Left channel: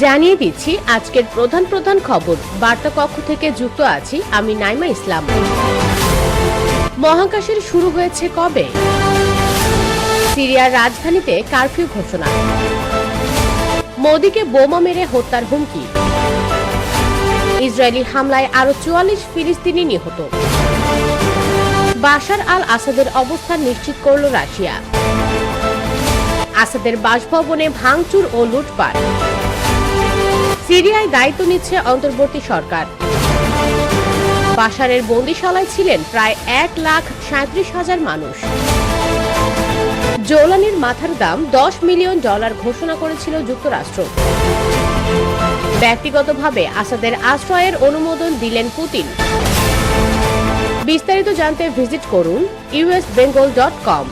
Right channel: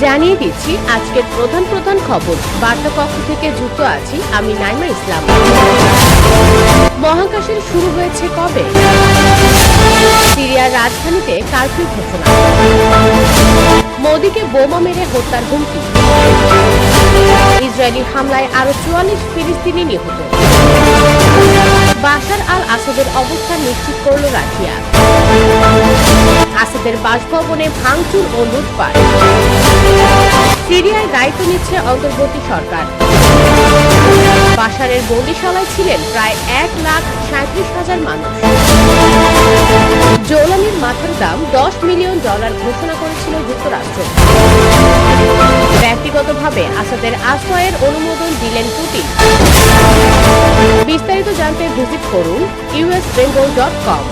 জানিয়ে দিচ্ছি আজকের প্রধান প্রধান খবর। বার্তা কক্ষ থেকে যুক্ত আছি আমি নাইমা ইসলাম। মহাকাশের শুরু হয়েছে কবে? সিরিয়ার রাজধানীতে কারফিউ ঘোষণা। মোদিকে বোমা মেরে হত্যার হুমকি। ইসরায়েলি হামলায় আরো ৪৪ ফিলিস্তিনি নিহত। বাশার আল আসাদের অবস্থান নিশ্চিত করল রাশিয়া। আসাদের বাসভবনে ভাঙচুর ও লুটপাট। সিরিয়ায় দায়িত্ব নিচ্ছে অন্তর্বর্তী সরকার। বাশারের বন্দিশালায় ছিলেন প্রায় ১,৩৭,০০০ মানুষ। জৌলানির মাথার দাম $10 মিলিয়ন ঘোষণা করেছিল যুক্তরাষ্ট্র। ব্যক্তিগতভাবে আসাদের আশ্রয়ের অনুমোদন দিলেন পুতিন। বিস্তারিত জানতে ভিজিট করুন usbengal.com।